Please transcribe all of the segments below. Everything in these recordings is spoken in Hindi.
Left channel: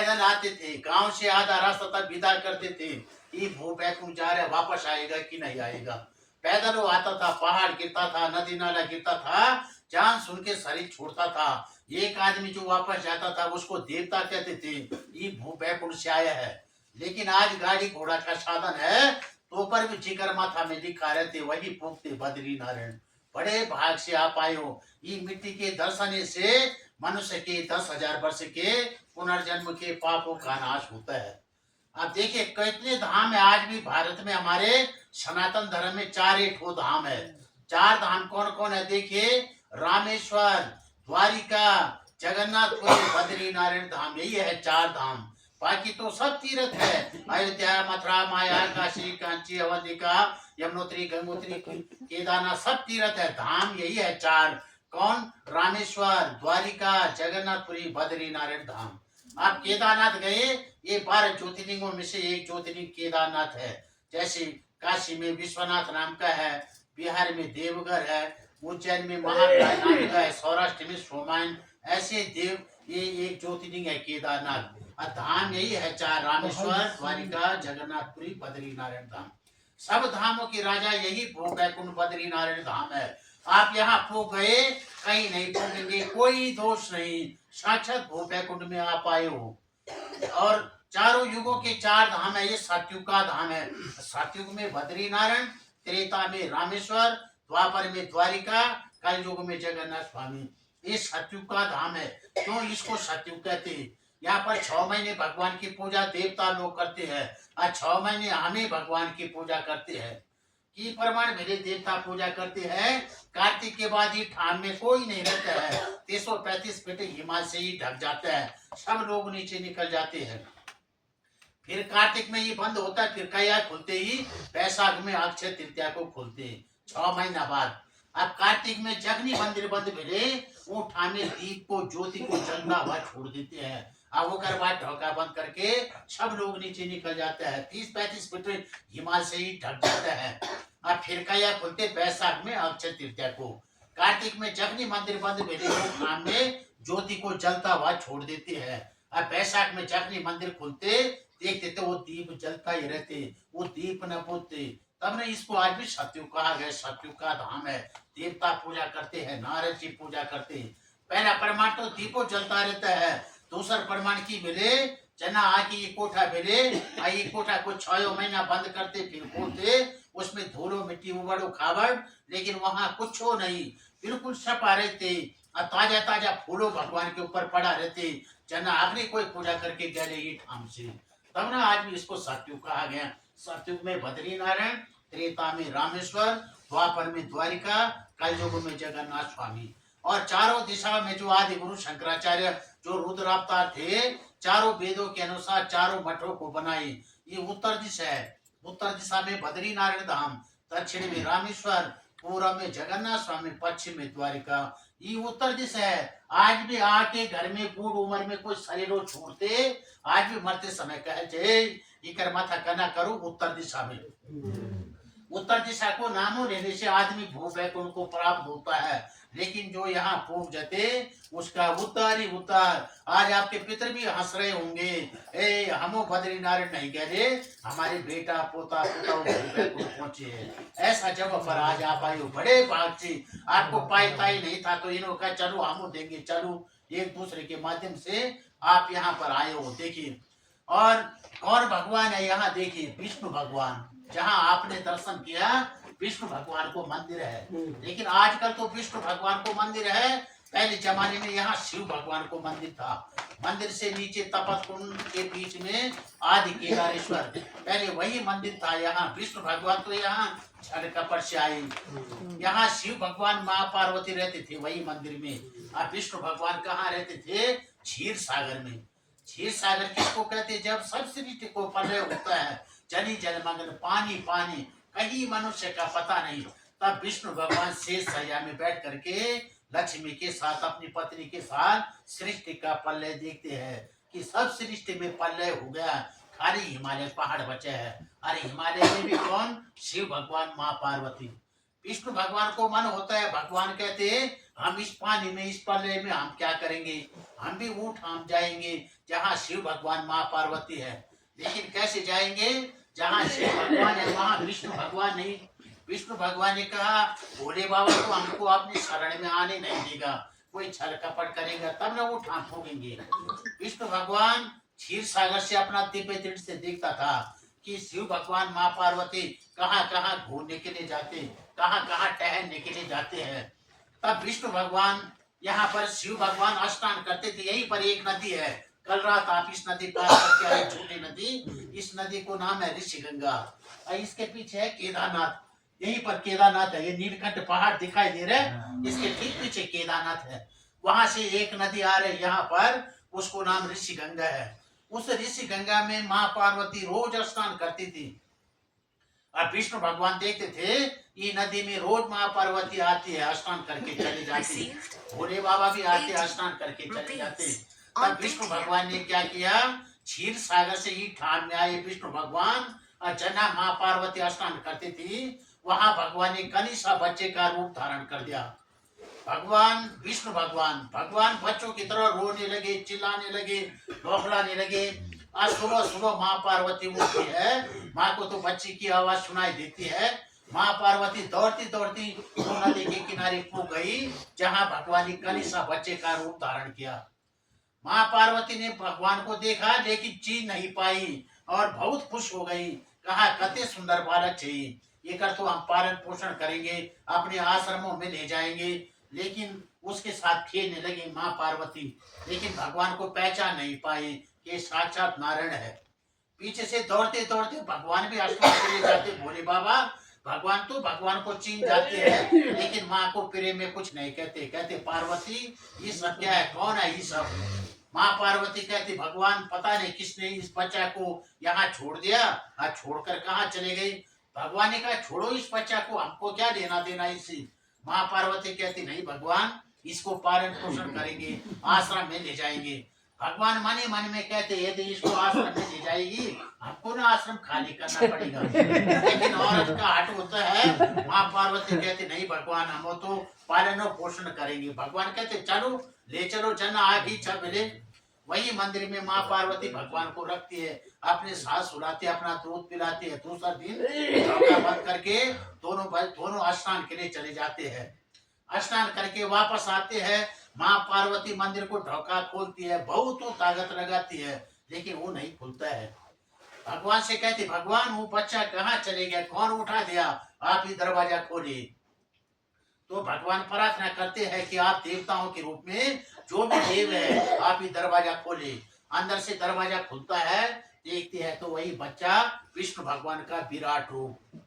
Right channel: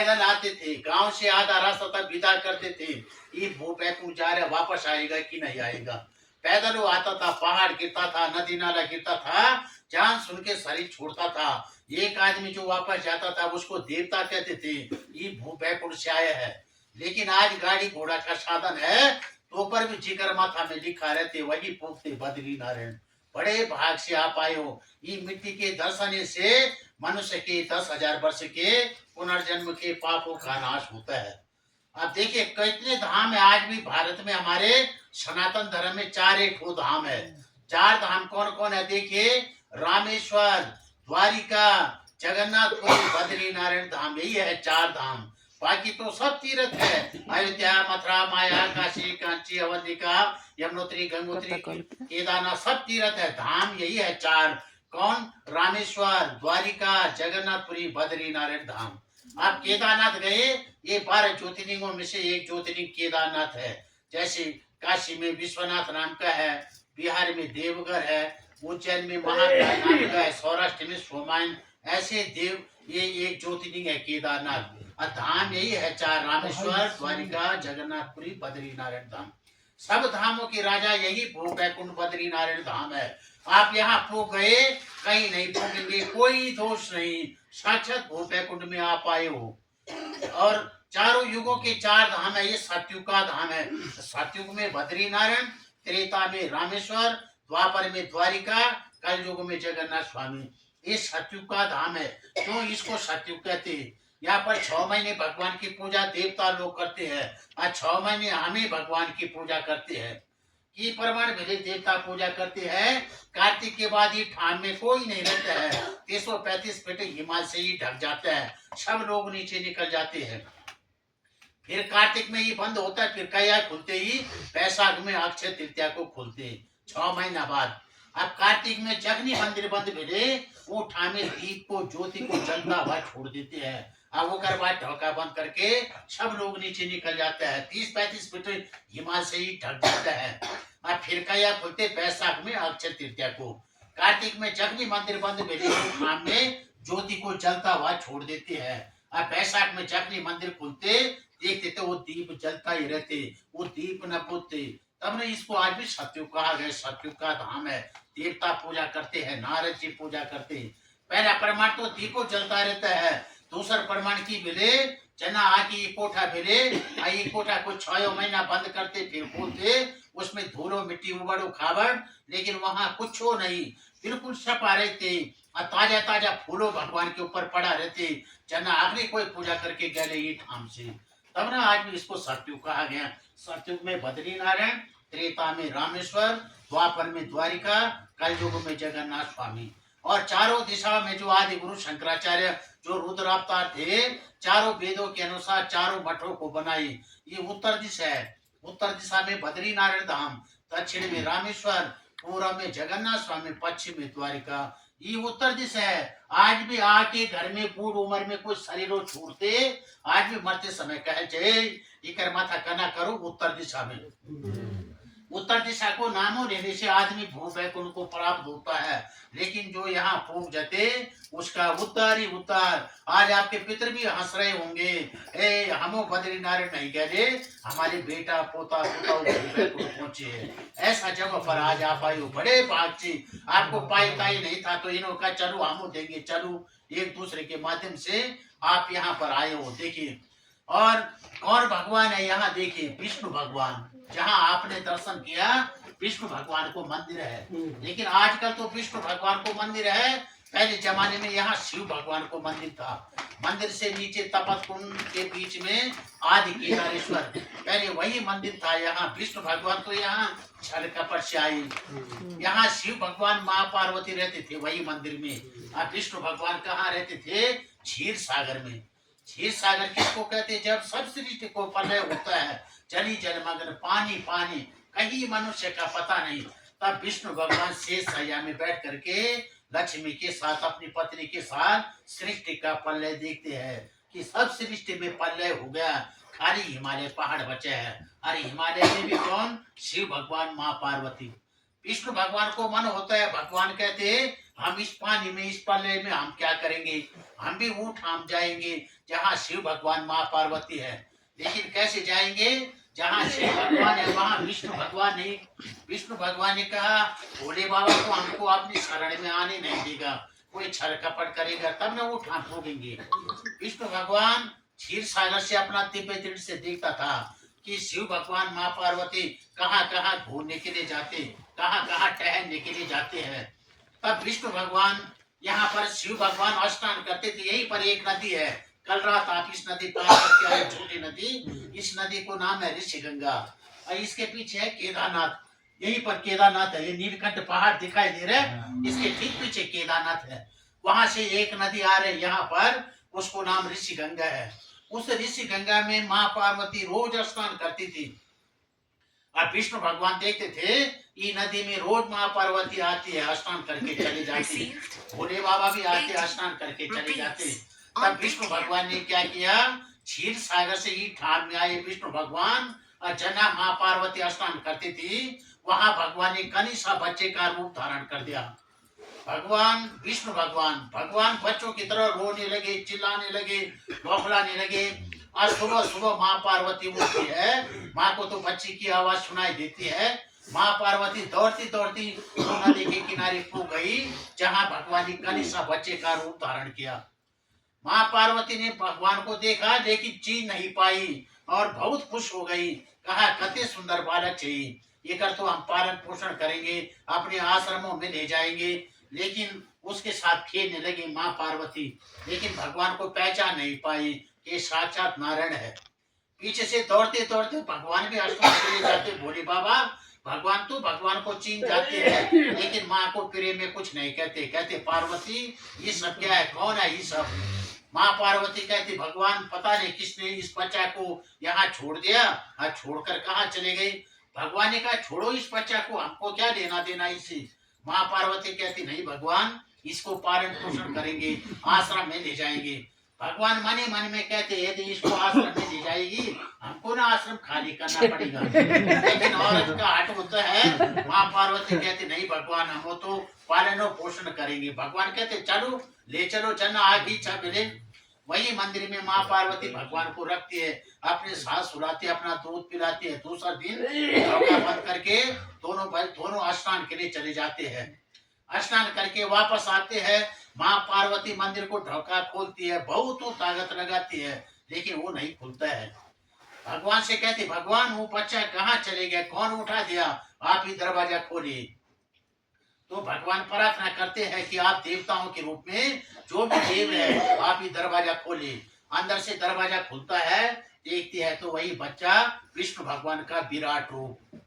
पैदल आते थे, गांव से आधा रास्ता तक विदा करते थे। ये भू बैकुंठ जा रहा है, वापस आएगा कि नहीं आएगा। पैदल वो आता था, पहाड़ गिरता था, नदी नाला गिरता था, जान सुन के शरीर छोड़ता था। एक आदमी जो वापस जाता था उसको देवता कहते थे, ये भू बैकुंठ से आया है। लेकिन आज गाड़ी घोड़ा का साधन है, तो ऊपर भी जिगर माथा में लिखा रहते, वही फूकते बद्री नारायण। बड़े भाग से आप आए हो। ये मिट्टी के दर्शन से मनुष्य के 10,000 वर्ष के पुनर्जन्म के पापों का नाश होता है। आप देखिए कितने धाम है। आज भी भारत में हमारे सनातन धर्म में 4 एक ठो धाम है। 4 धाम कौन कौन है देखिए, रामेश्वर, द्वारिका, जगन्नाथपुरी, बद्री नारायण धाम, यही है 4 धाम। बाकी तो सब तीर्थ है। अयोध्या, मथुरा, माया, काशी, कांची, अवंतिका, यमुनोत्री, गंगोत्री, केदारनाथ, सब तीर्थ है। धाम यही है 4। कौन? रामेश्वर, द्वारिका, जगन्नाथपुरी, बद्री नारायण धाम। आप केदारनाथ गए, ये 12 ज्योतिर्लिंगों में से एक ज्योतिर्लिंग केदारनाथ है। जैसे काशी में विश्वनाथ नाम का है, बिहार में देवघर है, उज्जैन में महाकाल नाम का है, सौराष्ट्र में सोमायन, ऐसे देव ये एक ज्योतिर्लिंग है केदारनाथ। और धाम यही है 4, रामेश्वर, द्वारिका, जगन्नाथपुरी, बद्री नारायण धाम। सब धामों के राजा यही भू बैकुंठ बद्री नारायण धाम है। आप यहाँ पो गए, कहीं नहीं पोगेंगे, कोई दोष नहीं। साक्षात भू बैकुंठ में आप आए हो। और चारों युगों के 4 धाम है। ये सतयुग का धाम है। सतयुग में बद्री नारायण, त्रेता में रामेश्वर, द्वापर में द्वारिका, कलयुग में जगन्नाथ स्वामी। ये सतयुग का धाम है। क्यों इसको सतयुग कहते हैं? यहाँ पर 6 महीने भगवान की पूजा देवता लोग करते हैं, और 6 महीने हमें भगवान की पूजा करते हैं। की प्रमाण मिले देवता पूजा करते हैं। कार्तिक के बाद ही ठाम में कोई नहीं रहता है। 335 फीट हिमालय से ही ढक जाता है, सब लोग नीचे निकल जाते हैं। फिर कार्तिक में ही बंद होता है, फिर कया खुलते ही बैसाख में अक्षय तृतीया को खुलते हैं, 6 महीना बाद। अब कार्तिक में जगनी मंदिर बंद मिले, वो ठामे दीप को, ज्योति को जलता हुआ छोड़ देते हैं। अब वो कर बाद ढोका बंद करके सब लोग नीचे निकल जाते हैं। 30-35 फीट हिमालय से ही ढक जाता है। अब फिर कया खुलते बैसाख में अक्षय तृतीया को। कार्तिक में जगनी मंदिर बंद मिले, वो ठाम में ज्योति को जलता हुआ छोड़ देते हैं। अब बैसाख में जगनी मंदिर खुलते, देखते तो वो दीप जलता ही रहते, वो दीप न बुझते। तब ने इसको आज भी सतयुग कहा गया। सतयुग का धाम है। देवता पूजा करते हैं, नारद जी पूजा करते हैं। पहला प्रमाण तो दीपो जलता रहता है। दूसरा प्रमाण की मिले, जना आके कोठा मिले, आई कोठा को 6 महीना बंद करते, फिर खोलते, उसमें धूलो मिट्टी उबड़ो खाबड़, लेकिन वहां कुछ हो नहीं, बिल्कुल सपा रहते। और ताजा ताजा फूलो भगवान के ऊपर पड़ा रहते। जना आखिरी कोई पूजा करके गले ही ठाम से। तब ना आज भी इसको सतयुग कहा गया। सतयुग में बद्री नारायण, त्रेता में रामेश्वर, द्वापर में द्वारिका, कलयुग में जगन्नाथ स्वामी। और चारों दिशा में जो आदि गुरु शंकराचार्य जो रुद्र अवतार थे, चारों वेदों के अनुसार चारों मठों को बनाई। ये उत्तर दिशा है। उत्तर दिशा में बद्री नारायण धाम, दक्षिण में रामेश्वर, पूर्व में जगन्नाथ स्वामी, पश्चिम में द्वारिका। ये उत्तर दिशा है। आज भी आके घर में बूढ़ उम्र में कोई शरीरों छोड़ते, आज भी मरते समय कहे जय इकर माथा कना करो उत्तर दिशा में। उत्तर दिशा को नामो लेने से आदमी भू बैकुंठ को प्राप्त होता है। लेकिन जो यहाँ फूक जाते, उसका उद्धार ही उद्धार। आज आपके पितर भी हंस रहे होंगे, ए हमो बद्री नारायण नहीं कह रहे, हमारे बेटा पोता पोता भू बैकुंठ पहुंचे है। ऐसा जगह पर आज आप आए हो, बड़े भाग से। आपको पाई ताई नहीं था तो इन्हों का चलो हमो देंगे, चलो एक दूसरे के माध्यम से आप यहाँ पर आए हो। देखिए और कौन भगवान है यहाँ, देखिए विष्णु भगवान। जहाँ आपने दर्शन किया, विष्णु भगवान को मंदिर है। लेकिन आजकल तो विष्णु भगवान को मंदिर है, पहले जमाने में यहाँ शिव भगवान को मंदिर था। मंदिर से नीचे तपत कुंड के बीच में आदि केदारेश्वर, पहले वही मंदिर था। यहाँ विष्णु भगवान तो यहाँ छल कपट से आई। यहाँ शिव भगवान माँ पार्वती रहते थे वही मंदिर में। और विष्णु भगवान कहाँ रहते थे? क्षीर सागर में। क्षीर सागर किसको कहते? जब सब सृष्टि को प्रलय होता है, जली जलमग्न, पानी पानी, कहीं मनुष्य का पता नहीं, तब विष्णु भगवान शेष सैया में बैठ करके लक्ष्मी के साथ, अपनी पत्नी के साथ सृष्टि का प्रलय देखते हैं कि सब सृष्टि में प्रलय हो गया, खाली हिमालय पहाड़ बचे है। अरे हिमालय में भी कौन? शिव भगवान, माँ पार्वती। विष्णु भगवान को मन होता है, भगवान कहते हैं हम इस पानी में, इस प्रलय में हम क्या करेंगे? हम भी ऊँट हम जाएंगे जहाँ शिव भगवान माँ पार्वती है। लेकिन कैसे जाएंगे? जहाँ शिव भगवान है वहाँ विष्णु भगवान नहीं। विष्णु भगवान ने कहा भोले बाबा तो हमको अपनी शरण में आने नहीं देगा, कोई छल कपट करेगा तब ना ऊँट हम भोगेंगे। विष्णु भगवान क्षीर सागर से अपना दिव्य दृष्टि से देखता था कि शिव भगवान माँ पार्वती कहाँ कहाँ घूमने के लिए जाते, कहाँ कहाँ टहलने के लिए जाते हैं। तब विष्णु भगवान यहाँ पर शिव भगवान स्नान करते थे। यहीं पर एक नदी है, कल रात आप इस नदी पार करके आए, छोटी नदी। इस नदी को नाम है ऋषि गंगा और इसके पीछे है केदारनाथ। यहीं पर केदारनाथ है, ये नीलकंठ पहाड़ दिखाई दे रहा है, इसके ठीक पीछे केदारनाथ है। वहां से एक नदी आ रही यहाँ पर, उसको नाम ऋषि गंगा है। उस ऋषि गंगा में माँ पार्वती रोज स्नान करती थी। अब विष्णु भगवान देखते थे ये नदी में रोज माँ पार्वती आती है, स्नान करके चली जाती है। भोले बाबा भी आते हैं, स्नान करके चले जाते। तब विष्णु भगवान ने क्या किया? क्षीर सागर से ही ठान में आए विष्णु भगवान और जना माँ पार्वती स्नान करती थी, वहां भगवान ने कनिष्ठा बच्चे का रूप धारण कर दिया। भगवान विष्णु भगवान भगवान बच्चों की तरह रोने लगे, चिल्लाने लगे, बौखलाने लगे। आज सुबह सुबह माँ पार्वती उठती है, माँ को तो बच्ची की आवाज सुनाई देती है। माँ पार्वती दौड़ती दौड़ती नदी के किनारे को गई जहाँ भगवान ने कनिष्ठा बच्चे का रूप धारण किया। माँ पार्वती ने भगवान को देखा लेकिन चीन नहीं पाई और बहुत खुश हो गई। कहा कते सुंदर बालक चाहिए, ये कर तो हम पालन पोषण करेंगे, अपने आश्रमों में ले जाएंगे। लेकिन उसके साथ खेलने लगी माँ पार्वती, लेकिन भगवान को पहचान नहीं पाई कि साक्षात नारायण है। पीछे से दौड़ते दौड़ते भगवान भी आश्रम के लिए जाते। भोले बाबा भगवान तो भगवान को चीन जाते हैं, लेकिन माँ को प्रेम में कुछ नहीं कहते। कहते पार्वती ये सब क्या है, कौन है ये सब? माँ पार्वती कहती भगवान पता नहीं किसने इस बच्चा को यहाँ छोड़ दिया और छोड़कर कहाँ चले गई। भगवान ने कहा छोड़ो इस बच्चा को, हमको क्या लेना देना इससे। माँ पार्वती कहती नहीं भगवान, इसको पालन पोषण करेंगे, आश्रम में ले जाएंगे। भगवान मन ही मन में कहते यदि इसको आश्रम में ले जाएगी हमको ना आश्रम खाली करना पड़ेगा। लेकिन औरत का हट होता है। माँ पार्वती कहती नहीं भगवान, हम तो पालन और पोषण करेंगे। भगवान कहते चलो ले चलो, जना आगे इच्छा मिले। वही मंदिर में माँ पार्वती भगवान को रखती है, अपने सास सुलाती है, अपना दूध पिलाती है। दूसरा दिन चौका बंद करके दोनों स्नान के लिए चले जाते हैं। स्नान करके वापस आते हैं। माँ पार्वती मंदिर को ढोका खोलती है, बहुत ताकत लगाती है, लेकिन वो नहीं खुलता है। भगवान से कहती भगवान वो बच्चा कहाँ चले गया, कौन उठा दिया, आप ही दरवाजा खोलिए। तो भगवान प्रार्थना करते हैं कि आप देवताओं के रूप में जो भी देव है आप ही दरवाजा खोले। अंदर से दरवाजा खुलता है, देखते हैं तो वही बच्चा विष्णु भगवान का विराट रूप।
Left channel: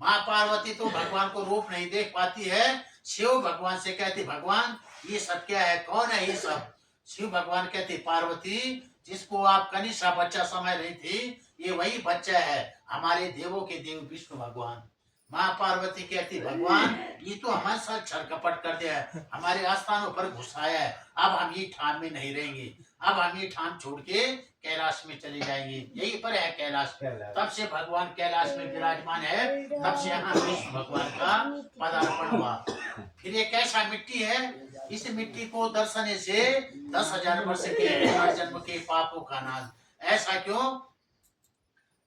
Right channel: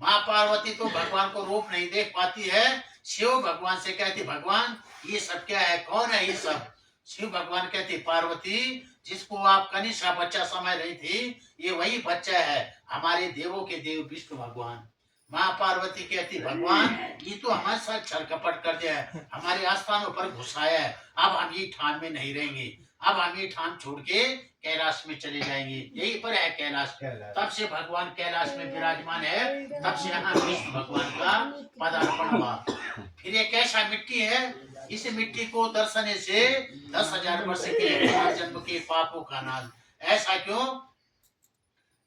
माँ पार्वती तो भगवान को रूप नहीं देख पाती है। शिव भगवान से कहती भगवान ये सब क्या है, कौन है ये सब? शिव भगवान कहते पार्वती जिसको आप कनिष्ठा बच्चा समझ रही थी, ये वही बच्चा है, हमारे देवों के देव विष्णु भगवान। माँ पार्वती कहती भगवान ये तो हमारे साथ छल कपट कर दिया है, हमारे आस्थानों पर घुसाया है। अब हम ये ठान में नहीं रहेंगे, अब हम ये ठान छोड़ के कैलाश में चले जाएंगे। यही पर है कैलाश। तब से भगवान कैलाश में विराजमान है, तब से यहाँ विष्णु भगवान का पदार्पण हुआ। फिर ये कैसा मिट्टी है? इस मिट्टी को दर्शने से 10,000 वर्ष के जन्म के पापों का नाश। ऐसा क्यों?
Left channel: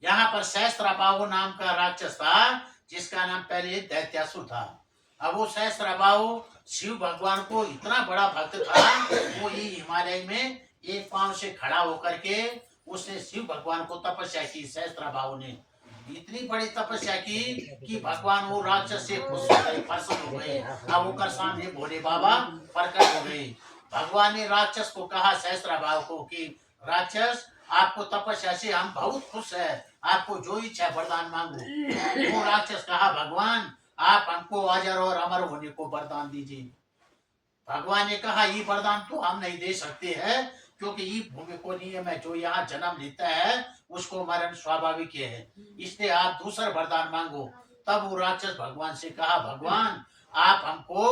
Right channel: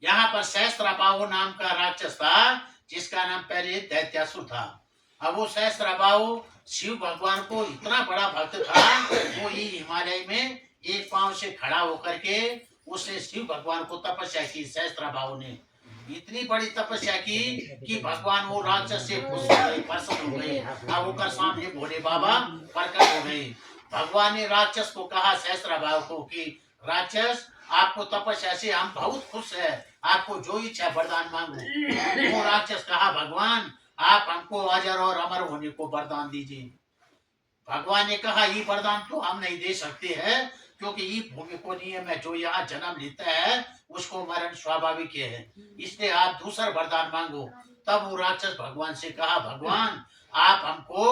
यहाँ पर सहस्त्रबाहु नाम का राक्षस था, जिसका नाम पहले दैत्यासुर था। अब वो सहस्त्रबाहु शिव भगवान को इतना बड़ा भक्त था, वो ये हिमालय में एक पांव से खड़ा होकर के उसने शिव भगवान को तपस्या की। सहस्त्रबाहु ने इतनी बड़ी तपस्या की कि भगवान वो राक्षस से खुश हो गए, प्रसन्न हो गए। अब वो कर सामने भोले बाबा प्रकट हो गए। भगवान ने राक्षस को कहा, सहस्त्रबाहु को, कि राक्षस आपको तपस्या से हम बहुत खुश है, आपको जो इच्छा वरदान मांगो। वो राक्षस कहा भगवान आप हमको अजर और अमर होने को वरदान दीजिए। भगवान ने कहा ये वरदान तो हम नहीं दे सकते हैं, क्योंकि ये भूमि को नियम है, जो यहाँ जन्म लेता है उसको मरण स्वाभाविक है, इसलिए आप दूसरा वरदान मांगो। तब वो राक्षस भगवान से कहा भगवान आप हमको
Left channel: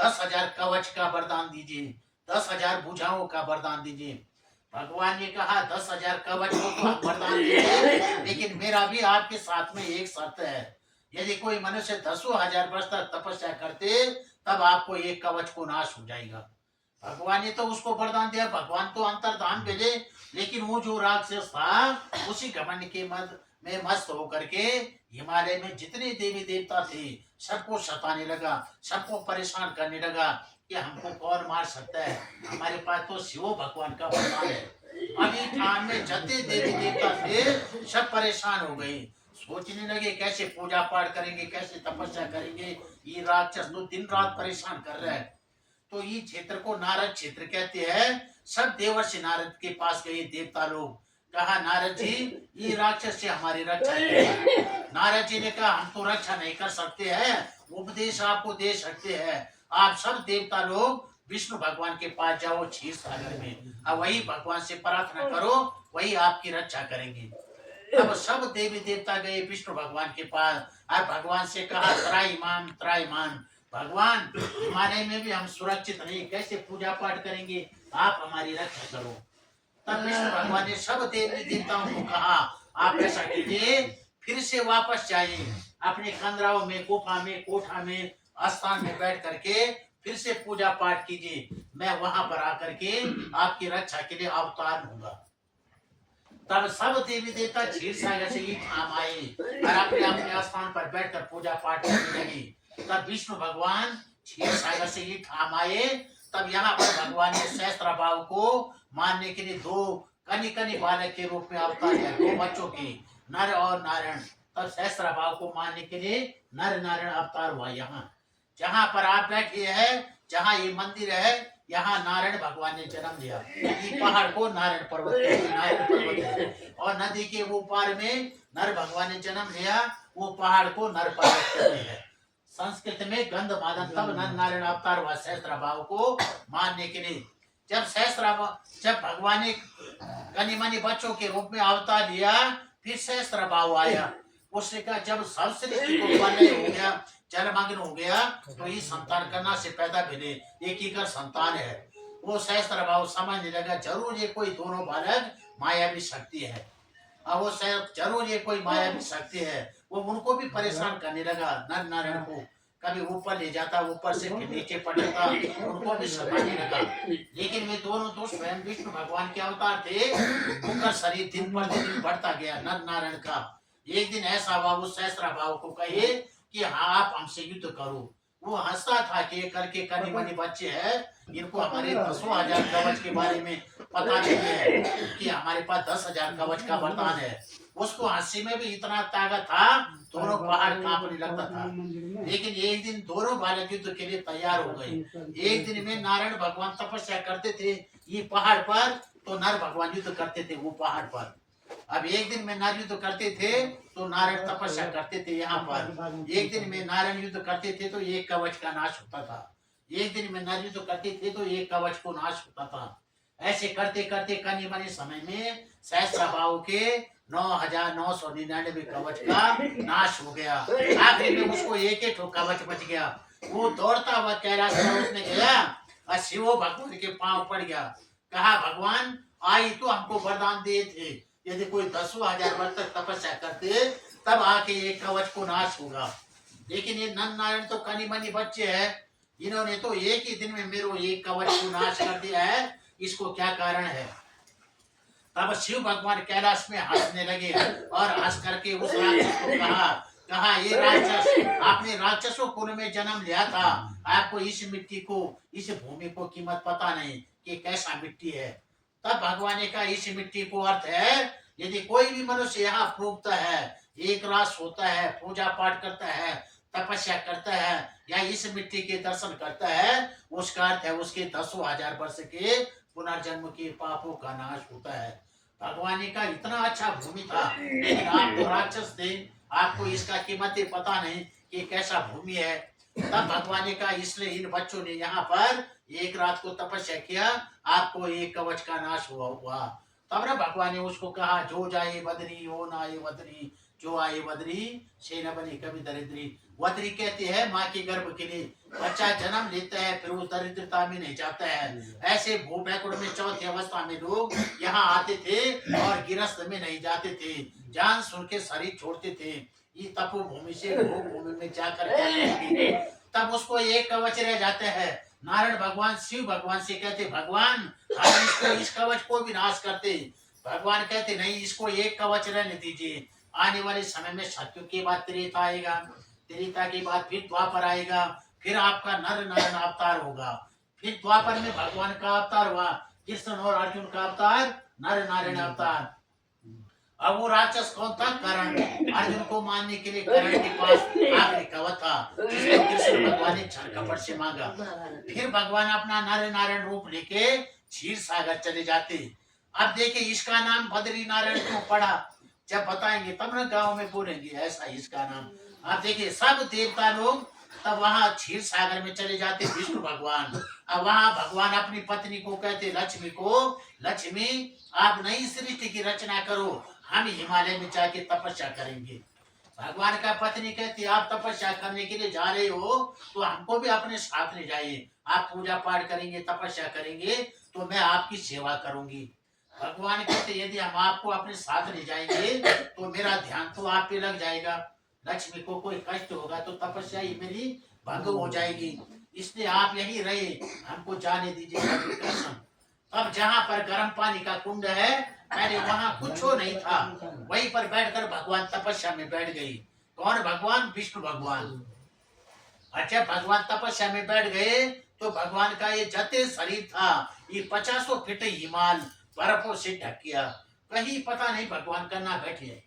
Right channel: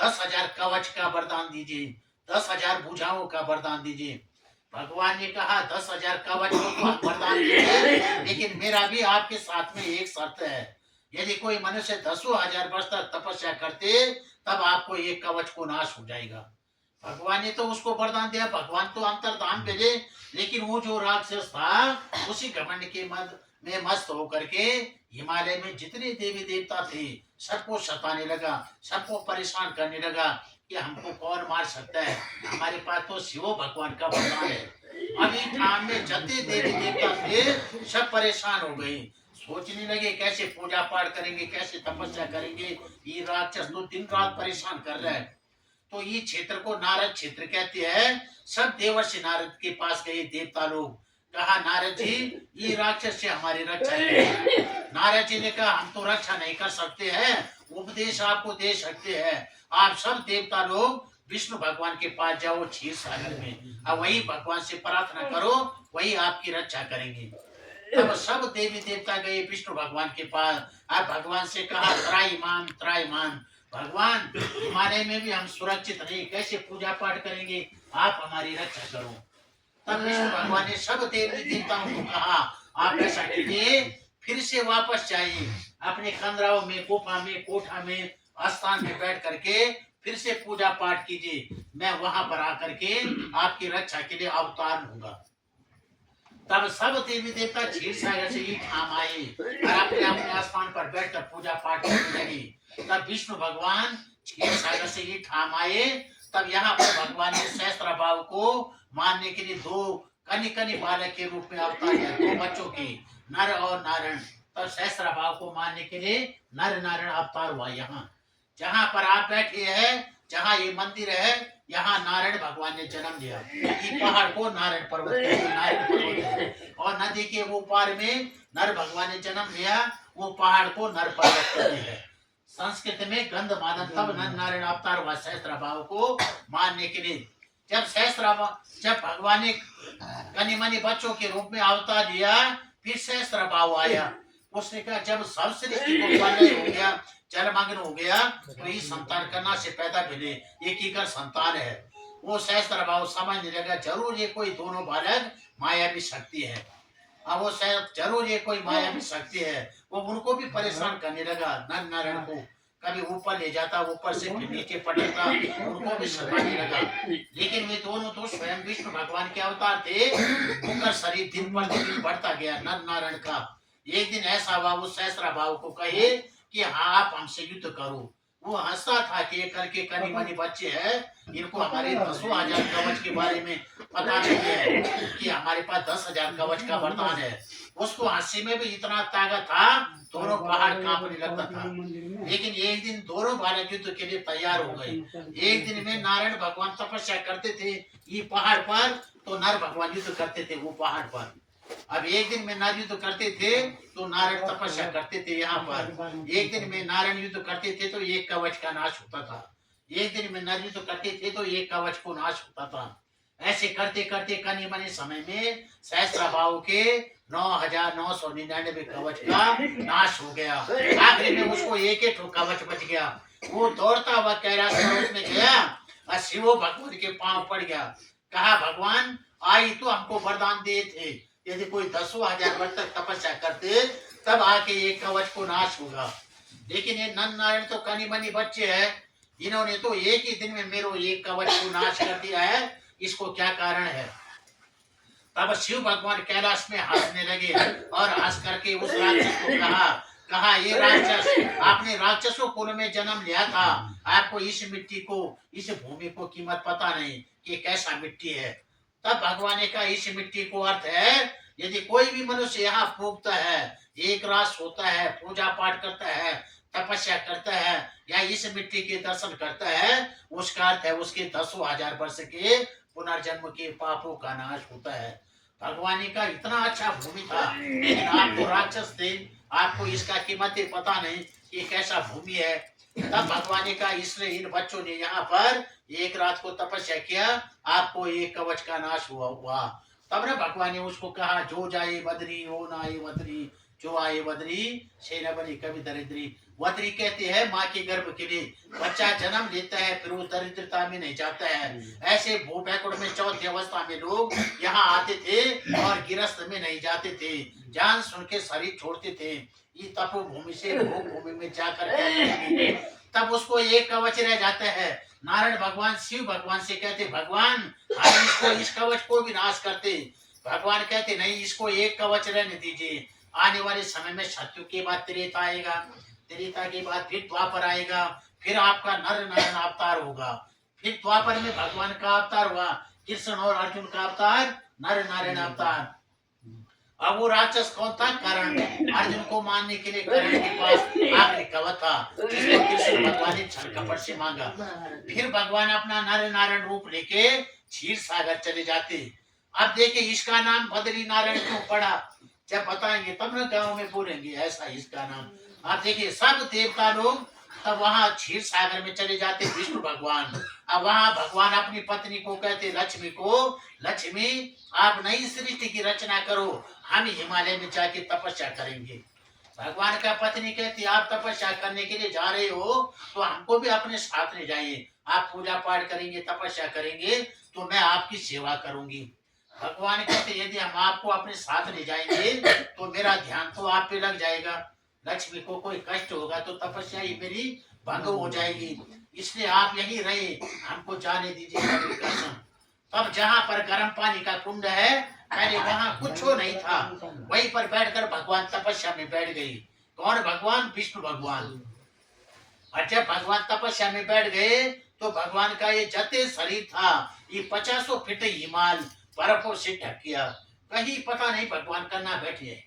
10,000 कवच का वरदान दीजिए, 10,000 भुजाओं का वरदान दीजिए। भगवान ने कहा 10,000 कवच को तो आप वरदान दीजिए, लेकिन मेरा भी आपके साथ में एक शर्त है। यदि कोई मनुष्य 10,000 वर्ष तक तपस्या करते तब आपको एक कवच को नाश हो जाएगा। भगवान ने तो उसको वरदान दिया, भगवान तो अंतर्धाम भेजे, लेकिन वो जो राक्षस था उसी घमंड के मद में मस्त होकर के हिमालय में जितने देवी देवता थे सबको सताने लगा, सबको परेशान करने लगा कि हमको कौन मार सकता है, हमारे पास तो शिव भगवान का वरदान है। अभी ठाम में जितने देवी देवता थे सब परेशान हो गए, सोचने लगे कैसे पूजा पाठ करेंगे, कैसे तपस्या करेंगे। ये राक्षस तो दिन रात परेशान कर रहा है। तो ये क्षेत्र को नारद क्षेत्र कहते हैं। सब देवर्षि नारद के पास गए देवता लोग, कहा नारद जी ये राक्षस से हमारी रक्षा कीजिए। नारद जी ने कहा हम तो रक्षा नहीं कर सकते हैं, उपदेश आपको दे सकते हैं। आप सब देवता लोग विष्णु भगवान के पास जाओ क्षीर सागर में, अब वही भगवान से प्रार्थना करो, वही आपकी रक्षा करेंगे। तब सब देवी देवता गए विष्णु भगवान के पास। अब भगवान से कहा त्राईमान त्राईमान, भगवान हिमालय में भी हम सुरक्षित नहीं, कैसे पूजा पाठ करेंगे, आप हमारी रक्षा करो। तब विष्णु भगवान ने सब देवी देवताओं को कहा आप ऐसा कीजिए, फिर से वापस जाइए अपने कंदराओं में, गुफा में, कोठा में, स्थान में बैठ करके फिर से पूजा पाठ कीजिए, मैं वहां पर आकर के आपकी रक्षा के लिए अवतार होगा। तब सब देवी देवता क्षीर सागर से ही ठाम आए और अपने अपने स्थान पर बैठकर पूजा पाठ करने लगे। तब विष्णु भगवान क्षीर सागर से ही ठाम आए। तब यहाँ पर भगवान ने सहस्त्रभाव को मारने के लिए दो कनि कनि बालक के रूप में अवतार लिया, दो बच्चों के, नर और नारायण। तब सहस्त्रभाव को मारने के लिए नर नारायण अवतार हुआ। यहाँ जहाँ पर आप बैठे हैं, जहाँ ये मंदिर है, यहाँ नारायण भगवान ने जन्म लिया। ये पहाड़ को नारायण पर्वत कहते हैं, नारायण पर्वत है। और नदी के वो पार में नर भगवान ने जन्म लिया, वो पहाड़ को नर पर्वत कहते हैं। संस्कृत में गंध मादन। तब नर नारायण अवतार हुआ सहस्त्रभाव को मारने के लिए। जब भगवान ने कनि मनि बच्चों के रूप में अवतार लिया, फिर सहस्त्रभाव आया। उसने कहा जब सब सृष्टि को प्रलय हो गया, जलमग्न हो गया, तो ये संतान करना से पैदा मिले, एक ही का संतान है। वो सहस्त्रभाव समझने लगा जरूर ये कोई दोनों बालक मायावी शक्ति है। अब वो जरूर ये कोई मायावी शक्ति है। वो उनको भी परेशान करने लगा, नर नारायण को कभी ऊपर ले जाता, ऊपर से फिर नीचे पड़ता, उनको भी सताने लगा। लेकिन वे दोनों तो स्वयं विष्णु भगवान के अवतार थे। उनका शरीर दिन पर दिन बढ़ता गया नर नारायण का। एक दिन ऐसा हुआ, उस सहस्त्रभाव को कहे कि हाँ आप हमसे युद्ध करो। वो हंसता था कि ये करके कनि मनि बच्चे हैं, इनको हमारे 10,000 कवच के बारे में पता नहीं है कि हमारे पास 10,000 कवच का वरदान है। उसको हंसी में भी इतना ताकत था, दोनों पहाड़ कांपने लगता था। लेकिन एक दिन दोनों बालक युद्ध के लिए तैयार हो गए। एक दिन में नारायण भगवान तपस्या करते थे ये पहाड़ पर, तो नर भगवान युद्ध करते थे वो पहाड़ पर। अब एक दिन में नर युद्ध करते थे तो नारायण तपस्या करते थे यहाँ पर। एक दिन में नारायण युद्ध करते थे तो एक कवच का नाश होता था। एक दिन में नर युद्ध करते थे तो एक कवच को नाश होता था। ऐसे करते करते कनि मनि समय में सहस्त्रभाव के 9,999 कवच का नाश हो गया। आखिर में उसको एक ही कवच बच गया। वो दौड़ता हुआ कैलाश पर्वत में गया और शिव भगवान के पांव पड़ गया। कहा भगवान आई तो हमको वरदान दिए थे, यदि कोई 10,000 वर्ष तक तपस्या करते तब आके एक कवच को नाश होगा। लेकिन ये नर नारायण तो कनि मनि बच्चे हैं, इन्होंने तो एक ही दिन में मेरे एक कवच को नाश कर दिया है, इसको क्या कारण है। तब शिव भगवान कैलाश में हंसने लगे और हंस करके उस राक्षस को कहा ये राक्षस, आपने राक्षसों कुल में जन्म लिया था, आपको इस मिट्टी को, इस भूमि को कीमत पता नहीं कि कैसा मिट्टी है। तब भगवान ने कहा इस मिट्टी को अर्थ है, यदि कोई भी मनुष्य यहाँ फूकता है, एक रास होता है, पूजा पाठ करता है, तपस्या करता है, या इस मिट्टी के दर्शन करता है, उसका अर्थ है उसके 10,000 वर्ष के पुनर्जन्म के पापों का नाश होता है। भगवान ने कहा इतना अच्छा भूमि था, लेकिन आप तो राक्षस थे, आपको इसका कीमत पता नहीं कि कैसा भूमि है। तब भगवान ने कहा इसलिए इन बच्चों ने यहाँ पर एक रात को तपस्या किया, आपको एक कवच का नाश हुआ। तब ना भगवान ने उसको कहा जो जाए बदरी हो ना आए वदरी, जो आए बदरी से न बनी कभी दरिद्री। वदरी कहते हैं माँ के गर्भ के लिए, बच्चा जन्म लेता है फिर वो दरिद्रता में नहीं जाता है। ऐसे भूपैकुड़ में चौथी अवस्था में लोग यहाँ आते थे और गिरस्त में नहीं जाते थे, जान सुन के शरीर छोड़ते थे। ये तपोभूमि से भूमि में जाकर तब उसको एक कवच रह जाते हैं। नारायण भगवान शिव भगवान से कहते भगवान हम इसको इस कवच को भी नाश करते। भगवान कहते नहीं, इसको एक कवच रहने दीजिए। आने वाले समय में सत्यु के बाद त्रेता आएगा, त्रेता के बाद फिर द्वापर आएगा, फिर आपका नर नारायण अवतार होगा। फिर द्वापर में भगवान का अवतार हुआ, कृष्ण और अर्जुन का अवतार नर नारायण अवतार। अब वो राक्षस कौन था? कर्ण। अर्जुन को मारने के लिए कर्ण के पास आखिरी कवच था, जिसको कृष्ण भगवान ने छल कपट से मांगा। फिर भगवान अपना नर नारायण रूप लेके क्षीर सागर चले जाते। अब देखिए इसका नाम बद्री नारायण क्यों पड़ा, जब बताएंगे तब ना गांव में बोलेंगे ऐसा इसका नाम। आप देखिए सब देवता लोग तब वहां क्षीर सागर में चले जाते विष्णु भगवान। अब वहां भगवान अपनी पत्नी को कहते लक्ष्मी को, लक्ष्मी आप नई सृष्टि की रचना करो, हम हिमालय में जाके तपस्या करेंगे। भगवान का पत्नी कहती आप तपस्या करने के लिए जा रहे हो तो हमको भी अपने साथ ले जाइए। आप पूजा पाठ करेंगे, तपस्या करेंगे तो मैं आपकी सेवा करूंगी। भगवान कहते यदि हम आपको अपने साथ ले जाएंगे तो मेरा ध्यान तो आप पे लग जाएगा, लक्ष्मी को कोई कष्ट होगा तो तपस्या ही मेरी भंग हो जाएगी, इसलिए आप यहीं रहे, हमको जाने दीजिए मेरी कसम। तब जहाँ पर गर्म पानी का कुंड है, पहले वहां कुछ नहीं था, वहीं पर बैठकर भगवान तपस्या में बैठ गई। कौन भगवान? विष्णु भगवान। अच्छा भगवान तपस्या में बैठ गए तो भगवान का ये जते शरीर था ये 50 फीट हिमाल बर्फों से ढक गया, कहीं पता नहीं भगवान करना बैठे।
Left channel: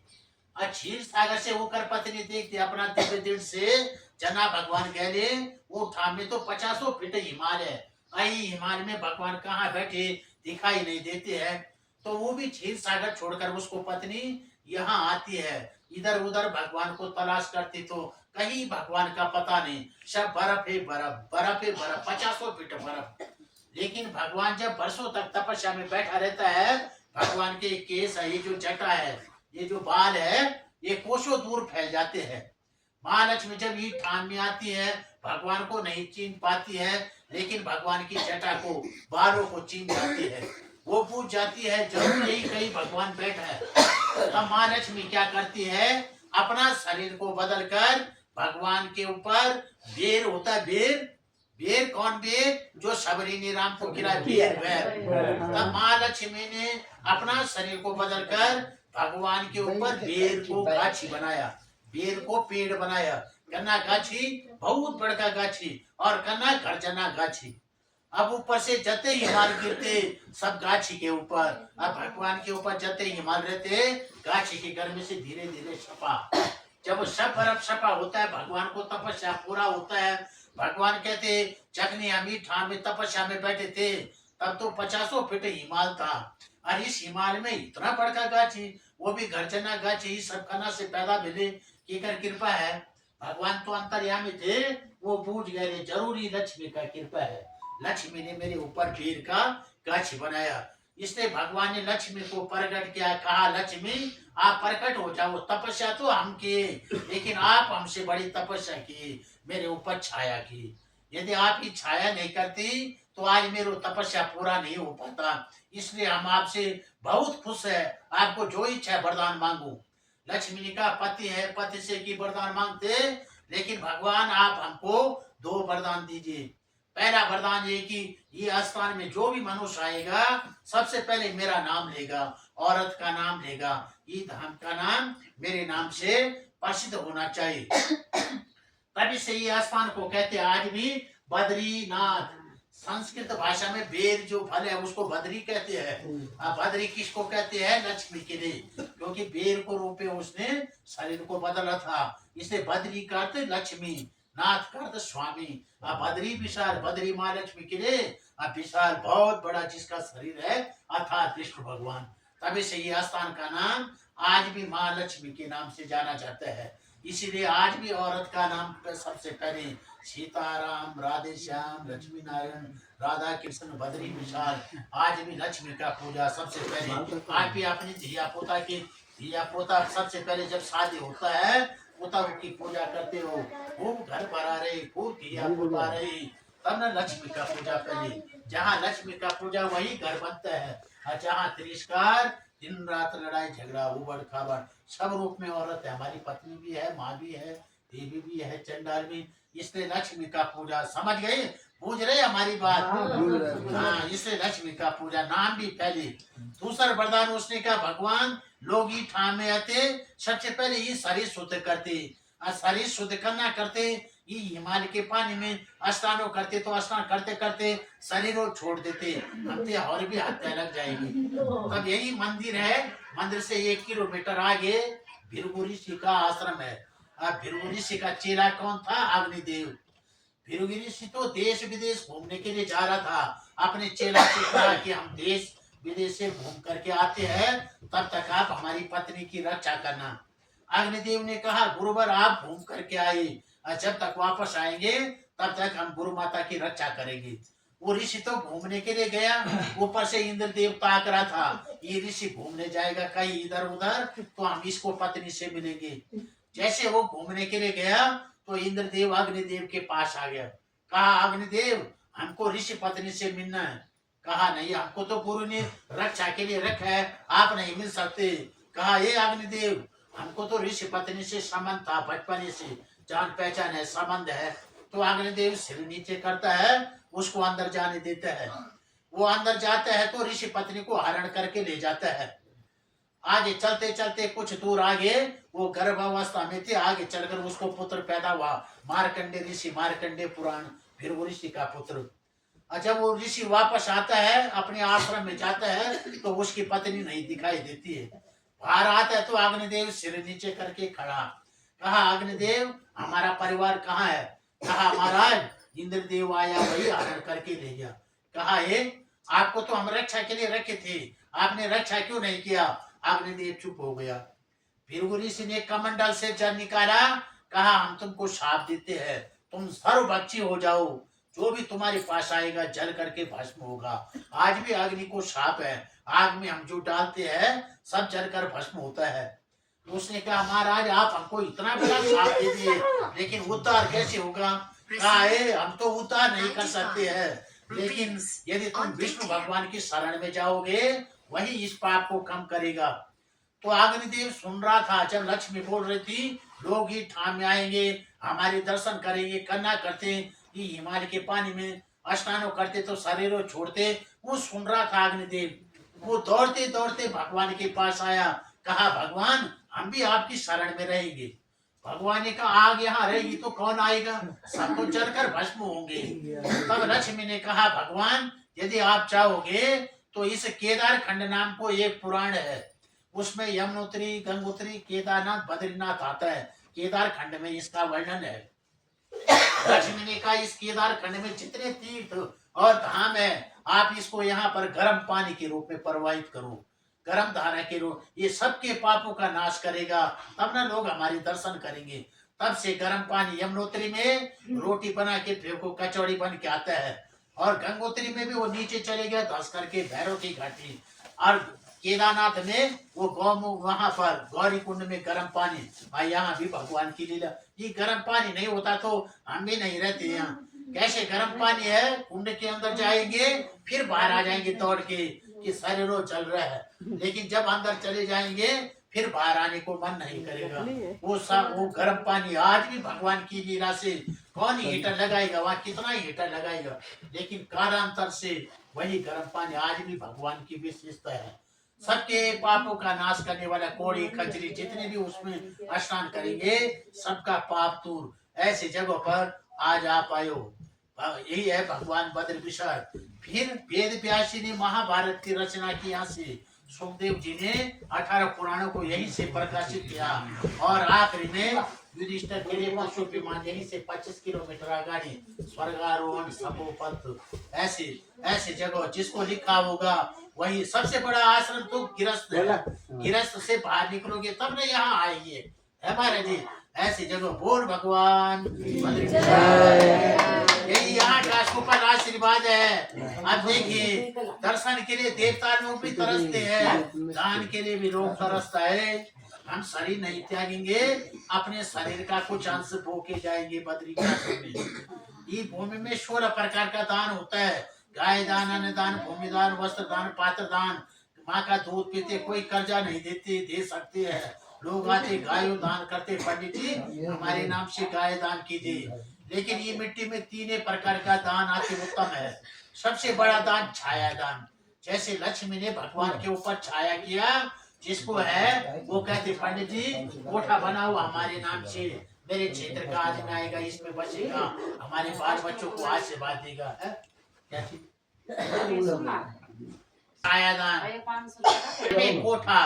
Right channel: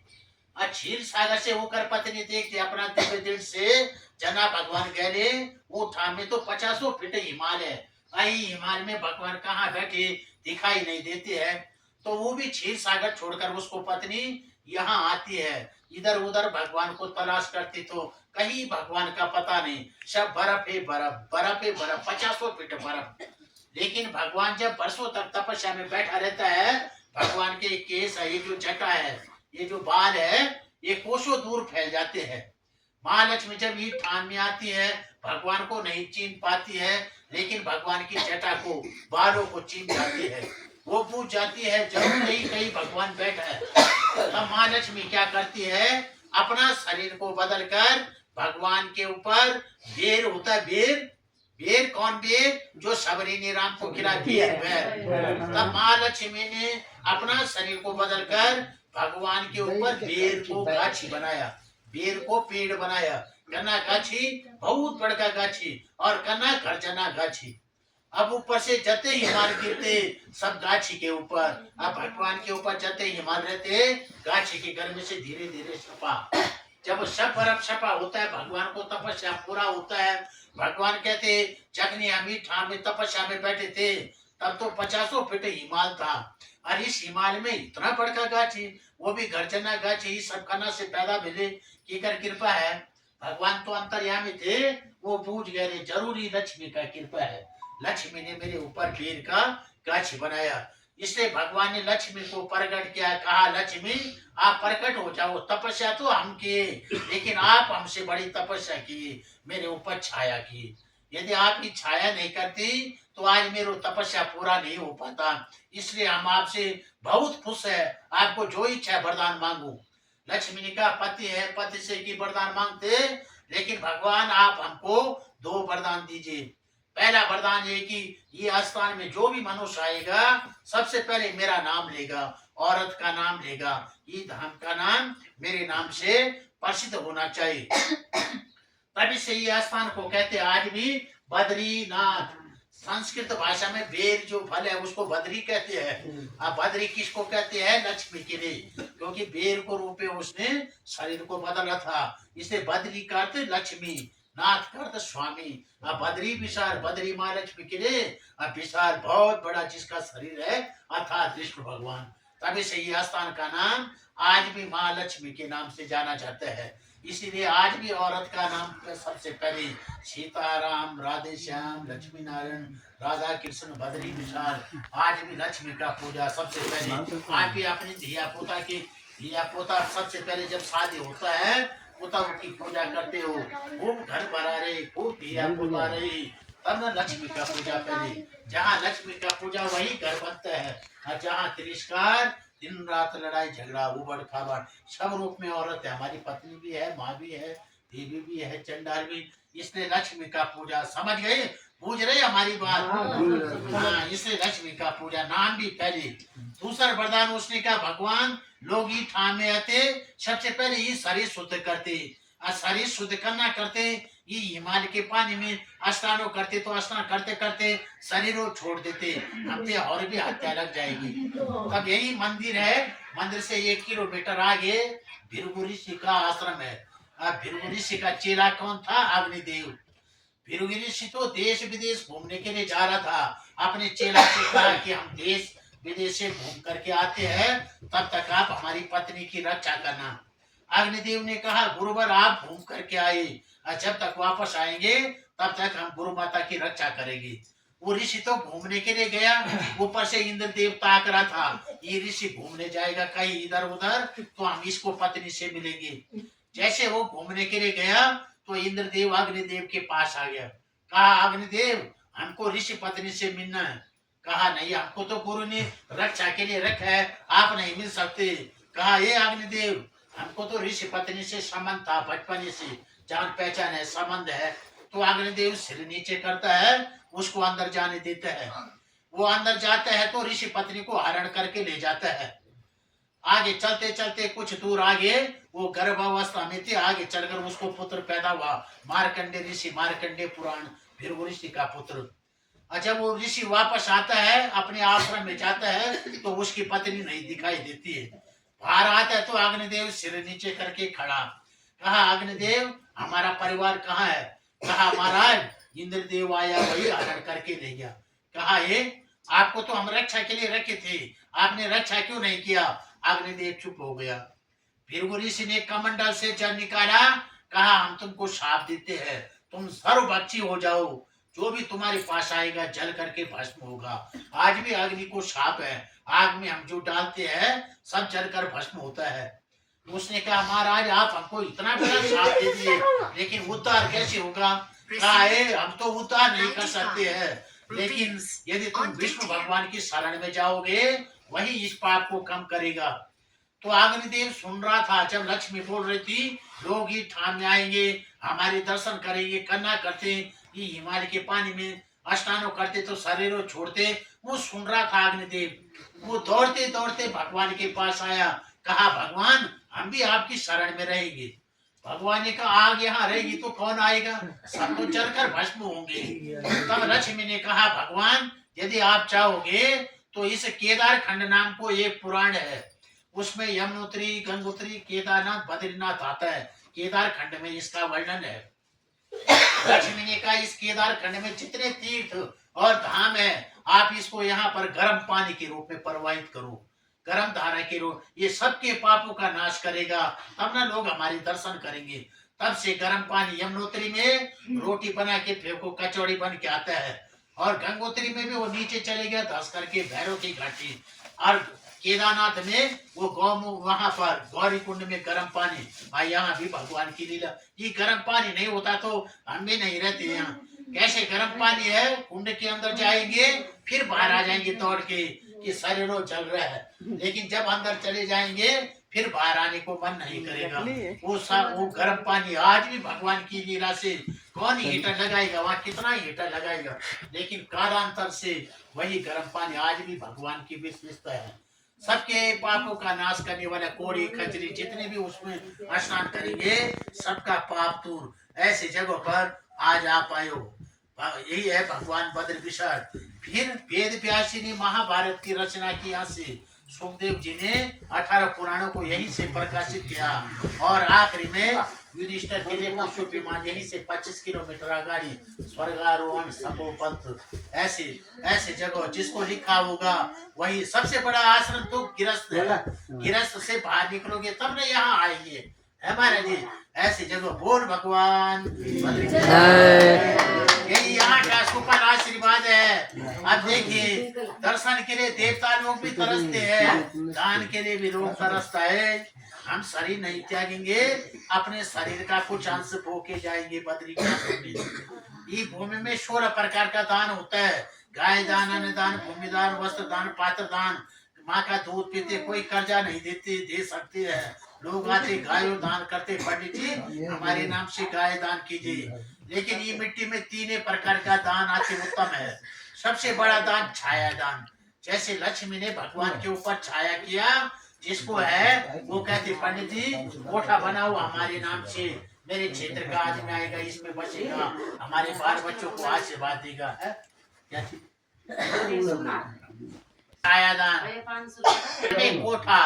क्षीर सागर से होकर पत्नी देखते अपना दिव्य दिल से जना भगवान गहले उठा में तो 50 फीट हिमाल है, आई हिमाल में भगवान कहाँ बैठे दिखाई नहीं देते हैं। तो वो भी क्षीर सागर छोड़कर उसको पत्नी यहाँ आती है, इधर उधर भगवान को तलाश करती तो कहीं भगवान का पता नहीं, सब बर्फ है बर्फ, बर्फ है बर्फ, 50 फीट बर्फ। लेकिन भगवान जब बरसों तक तपस्या में बैठा रहता है, भगवान के केस है, ये जो जटा है, ये जो बाल है, ये कोसों दूर फैल जाते हैं। महालक्ष्मी जब ये ठान में आती है भगवान को नहीं चीन पाती है, लेकिन भगवान की जटा को बालों को चीन जाती है, वो पूछ जाती है जरूर यही कहीं भगवान बैठा है। तब महालक्ष्मी क्या करती है, अपना शरीर को बदलकर भगवान के ऊपर बेर होता है, बेर, बेर कौन बेर? जो सबरी ने राम को खिला बेर बेर। तब महालक्ष्मी ने अपना शरीर को बदलकर भगवान के ऊपर बेर को गाछी बनाया, बेर को पेड़ बनाया, कन्ना गाछी बहुत बड़का गाछी और कन्ना गर्जना गाछी। अब ऊपर से जते हिमाल गिरते सब गाछी के ऊपर, अब भगवान के ऊपर जते हिमाल रहते गाछी के गर्मी से धीरे धीरे छपा। जब सब बर्फ छपा होता है भगवान को तपस्या पूरा होता है। भगवान कहते जगनी हम ठाम में तपस्या में बैठे थे तब तो 50 फीट हिमाल था, और इस हिमाल में इतना बड़का गाछी, वो भी गर्जना गाछी, सब खाना से पैदा मिले की कर कृपा है। भगवान तो अंतर्यामी थे, वो बूझ गए जरूरी लक्ष्मी का कृपा है, लक्ष्मी ने मेरे ऊपर बेर का गाछी बनाया। इसलिए भगवान ने लक्ष्मी को प्रकट किया, कहा लक्ष्मी आप प्रकट हो जाओ, तपस्या तो हम किए लेकिन आप हमसे बड़ी तपस्या की, मेरे ऊपर छाया की, यदि आप ही छाया नहीं करती तो आज मेरे तपस्या पूरा नहीं हो पाता, इसलिए हम आपसे बहुत खुश है, आपको जो इच्छा है वरदान मांगो। लक्ष्मी ने कहा पति है, पति से की वरदान मांगते, लेकिन भगवान आप हमको 2 वरदान दीजिए। पहला वरदान ये कि ये स्थान में जो भी मनुष्य आएगा सबसे पहले मेरा नाम लेगा, औरत का नाम लेगा, ये धाम का नाम मेरे नाम से प्रसिद्ध होना चाहिए। तभी से ये स्थान को कहते हैं आज भी बद्रीनाथ। संस्कृत भाषा में बेर जो फल है उसको बद्री कहते हैं। अब बद्री किसको कहते हैं? लक्ष्मी के लिए, क्योंकि बेर को रूपे उसने शरीर को बदला था, इसलिए बद्री का अर्थ लक्ष्मी, नाथ का अर्थ स्वामी। अब बद्री विशाल, बद्री माँ लक्ष्मी के लिए, अब विशाल बहुत बड़ा जिसका शरीर है अर्थात विष्णु भगवान। तभी से ये स्थान का नाम आज भी माँ लक्ष्मी के नाम से जाना जाता है। इसीलिए आज भी औरत का नाम पे सबसे पहले सीताराम, राधे श्याम, लक्ष्मी नारायण, राधा कृष्ण, बद्री विशाल, आज भी लक्ष्मी का पूजा सबसे पहले। आज भी अपनी धिया पोता सबसे पहले जब शादी होता है तब की पूजा करते हो, खूब घर भरा रहे, खूब धिया पोता रहे, तब न लक्ष्मी का पूजा पहले। जहाँ लक्ष्मी का पूजा वही घर बनता है, और जहाँ तिरस्कार, दिन रात लड़ाई झगड़ा, उबड़ खाबड़, सब रूप में औरत है, हमारी पत्नी भी है, माँ भी है, देवी भी है चंडाल भी, इसने लक्ष्मी का पूजा, समझ गए, पूछ रहे हमारी बात। हाँ, इसलिए लक्ष्मी का पूजा, नाम भी पहले। दूसरा वरदान उसने कहा, भगवान लोग ही ठामे आते, सबसे पहले ये शरीर शुद्ध करते, और शरीर शुद्ध करना करते, ये हिमालय के पानी में स्नानों करते, तो स्नान करते करते शरीर को छोड़ देते, हमसे और भी हत्या लग जाएगी। तब यही मंदिर है, मंदिर से 1 किलोमीटर आगे भृगु ऋषि का आश्रम है। अब भृगु ऋषि का चेला कौन था? अग्निदेव। भृगु ऋषि तो देश विदेश घूमने के लिए जा रहा था, अपने चेला से कहा कि हम देश विदेश से घूम करके आते हैं, तब तक आप हमारी पत्नी की रक्षा करना। अग्निदेव ने कहा, गुरुवर आप घूम करके आए, और जब तक वापस आएंगे तब तक हम गुरु माता की रक्षा करेंगे। वो ऋषि तो घूमने के लिए गया, ऊपर से इंद्र देव ताक रहा था, ये ऋषि घूमने जाएगा कहीं इधर उधर, तो हम इसको पत्नी से मिलेंगे। जैसे वो घूमने के लिए गया, तो इंद्रदेव अग्निदेव के पास आ गया। कहा, अग्निदेव हमको ऋषि पत्नी से मिलना है। कहा, नहीं, हमको तो गुरु ने रक्षा के लिए रखा है, आप नहीं मिल सकते। कहा, ये अग्निदेव, हमको तो ऋषि पत्नी से संबंध था, बचपन से जान पहचान है, संबंध है। तो अग्निदेव सिर नीचे करता है, उसको अंदर जाने देता है। वो अंदर जाता है तो ऋषि पत्नी को हरण करके ले जाता है। आगे चलते चलते कुछ दूर आगे वो गर्भावस्था में थे, आगे चलकर उसको पुत्र पैदा हुआ, मार्कंडे ऋषि, मार्कंडे पुराण, फिर वो ऋषि का पुत्र। अच्छा, वो ऋषि वापस आता है, अपने आश्रम में जाता है, तो उसकी पत्नी नहीं दिखाई देती है। बाहर आता है तो अग्निदेव सिर नीचे करके खड़ा। कहा, अग्निदेव हमारा परिवार कहाँ है? कहा, महाराज इंद्रदेव आया, वही हरण करके ले गया। कहा, आपको तो हम रक्षा के लिए रखे थे, आपने रक्षा क्यों नहीं किया? अग्निदेव चुप हो गया। फिर वो ऋषि ने कमंडल से जल निकाला, कहा, हम तुमको शाप देते हैं, तुम सर्वभक्षी हो जाओ, जो भी तुम्हारे पास आएगा जल करके भस्म होगा। आज भी अग्नि को शाप है, आग में हम जो डालते हैं सब जलकर भस्म होता है। उसने कहा, महाराज आप हमको इतना बड़ा शाप दे दिए, लेकिन उद्धार कैसे होगा? कहा, हम तो उद्धार नहीं कर सकते हैं, लेकिन यदि तुम विष्णु भगवान की शरण में जाओगे, वही इस पाप को कम करेगा। तो अग्निदेव सुन रहा था, जब लक्ष्मी बोल रही थी, लोग ही ठाम में आएंगे, हमारे दर्शन करेंगे, करना करते, ये हिमालय के पानी में स्नानों करते तो शरीरों छोड़ते, वो सुन रहा था अग्निदेव। वो दौड़ते दौड़ते भगवान के पास आया, कहा, भगवान हम भी आपकी शरण में रहेंगे। भगवान ने कहा, आग यहाँ रहेगी तो कौन आएगा, सब तो जलकर भस्म होंगे। तब लक्ष्मी ने कहा, भगवान यदि आप चाहोगे तो इस केदार खंड नाम को एक पुराण है, उसमें यमुनोत्री, गंगोत्री, केदारनाथ, बद्रीनाथ आता है। केदार खंड में इसका वर्णन है। लक्ष्मी ने कहा, इस केदार खंड में जितने तीर्थ और धाम है, आप इसको यहाँ पर गर्म पानी के रूप में प्रवाहित करो, गर्म धारा के रूप, ये सबके पापों का नाश करेगा, तब ना लोग हमारे दर्शन करेंगे। तब से गर्म पानी यमुनोत्री में रोटी बना के फेंको, कचौड़ी बन के आता है, और गंगोत्री में भी वो नीचे चले गया धस करके भैरव की घाटी, और केदारनाथ में वो गौमुख, वहां पर गौरी कुंड में गर्म पानी, भाई यहाँ भी भगवान की लीला। ये गर्म पानी नहीं होता तो हम भी नहीं रहते यहाँ। कैसे गर्म पानी है, कुंड के अंदर जाएंगे फिर बाहर आ जाएंगे दौड़ के कि शरीरों जल रहा है, लेकिन जब अंदर चले जाएंगे फिर बाहर आने को मन नहीं करेगा। वो गर्म पानी आज भी भगवान की लीला से, कौन हीटर लगाएगा वहाँ, कितना हीटर लगाएगा, लेकिन कालांतर से वही गर्म पानी आज भी भगवान की विशेषता है। सबके पापों का नाश करने वाला, कोड़ी खजरी जितने भी उसमें स्नान करेंगे सबका पाप दूर। ऐसी जगह पर आज आप आयो, यही है भगवान बद्र विशाल। फिर वेद व्यासी ने महाभारत की रचना की, यहाँ से सुखदेव जी ने 18 पुराणों को यहीं से प्रकाशित किया, और आखिरी में युधिष्ठिर के लिए पुष्प विमान यहीं से 25 किलोमीटर आगाड़ी स्वर्गारोहण संभोपंथ, ऐसे ऐसे जगह जिसको लिखा होगा वही। सबसे बड़ा आश्रम तो गिरस्त है, गिरस्त से बाहर निकलोगे तब ना यहाँ आएंगे, है महाराज जी। ऐसी जगह बोल भगवान, यही यहाँ का सुपर आशीर्वाद है। अब देखिए, दर्शन के लिए देवता लोग भी तरसते हैं, दान के लिए भी लोग तरसता है। हम शरीर नहीं त्यागेंगे, अपने शरीर का कुछ अंश बो के जाएंगे बद्रीनाथ में। ये भूमि में 16 प्रकार का दान होता है, गाय दान, अन्न दान, भूमि दान, वस्त्र दान, पात्र दान। माँ का दूध पीते, कोई कर्जा नहीं देते, दे सकते हैं, लोग आते गायों दान करते, पंडित जी हमारे नाम से गाय दान कीजिए। लेकिन ये मिट्टी में तीन प्रकार का दान अति उत्तम है। सबसे बड़ा दान छाया दान, जैसे लक्ष्मी ने भगवान के ऊपर छाया किया, जिसको है वो कहते पंडित जी कोठा बनाओ हमारे नाम से, मेरे क्षेत्र का आदमी आएगा इसमें बचेगा, हमारे बाल बच्चों को आशीर्वाद देगा। क्या चीज? छायादान कोठा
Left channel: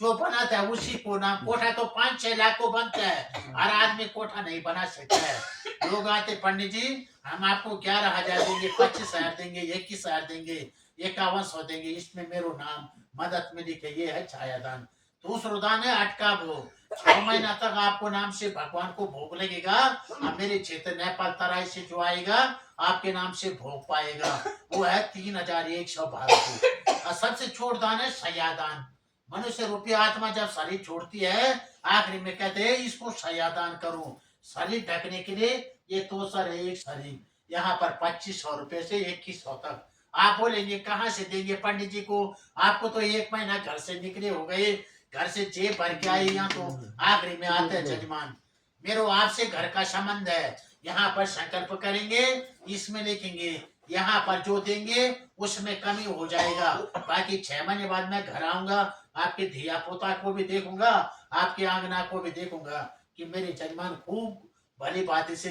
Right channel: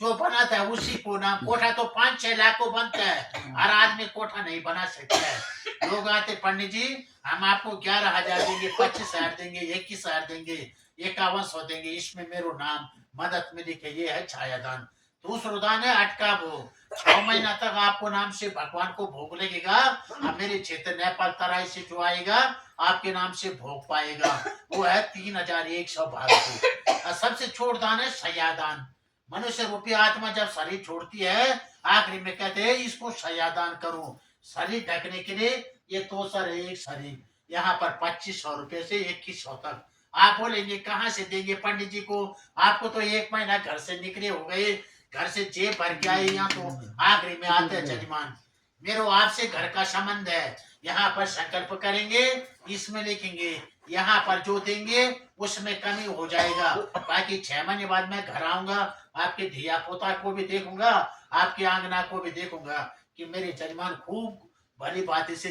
जो बनाता है उसी को नाम कोठा। तो 5-6 लाख को बनता है, हर आदमी कोठा नहीं बना सकता है। लोग आते पंडित जी हम आपको 11,000 देंगे, 25,000 देंगे, 21,000 देंगे, 5100 देंगे, इसमें मेरो नाम मदद में लिखे। ये है छायादान। दूसरा दान है अटका भोग। 6 महीना तक आपको नाम से भगवान को भोग लगेगा। अब मेरे क्षेत्र नेपाल तराई से जो आएगा आपके नाम से भोग पाएगा, वो है 3,112। और सबसे छोट दान है शयादान। मनुष्य रूपी आत्मा जब शरीर छोड़ती है आखिरी में कहते हैं इसको शयादान करो, शरीर ढकने के लिए। ये तो सर है एक शरीर, यहाँ पर 2500 रुपए से 2100 तक। आप बोलेंगे कहाँ से देंगे पंडित जी को, आपको तो 1 महीना घर से निकले हो गए, घर से जेब भर के आए, यहाँ तो आखिरी में आते हैं जजमान। मेरो आपसे घर का संबंध है, यहाँ पर संकल्प करेंगे, इसमें लिखेंगे, यहाँ पर जो देंगे उसमें कमी हो जाएगा। बाकी 6 महीने बाद मैं घर आऊंगा, आपके धिया पोता को भी देखूंगा, आपके आंगना को भी देखूंगा कि मेरे जजमान खूब भली बातें से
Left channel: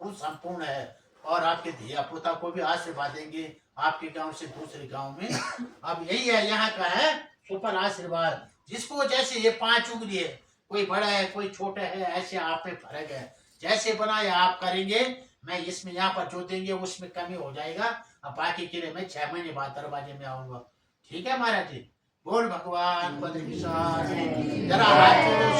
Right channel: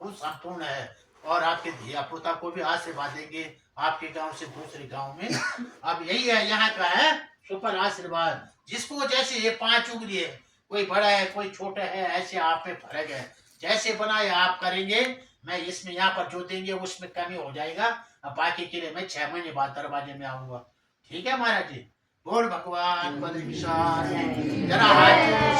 खूब संपूर्ण है, और आपके धिया पोता को भी आशीर्वाद देंगे आपके गांव से दूसरे गांव में। अब यही है यहाँ का है सुपर आशीर्वाद। जिसको जैसे ये 5 उंगली है, कोई बड़ा है कोई छोटा है, ऐसे आप में फर्क है। जैसे बनाए आप करेंगे, मैं इसमें यहाँ पर जो देंगे उसमें कमी हो जाएगा। अब बाकी के लिए मैं 6 महीने बाद दरवाजे में आऊंगा। ठीक है महाराज जी। बोल भगवान बद्रीशाह जरा हाथ जोड़ो।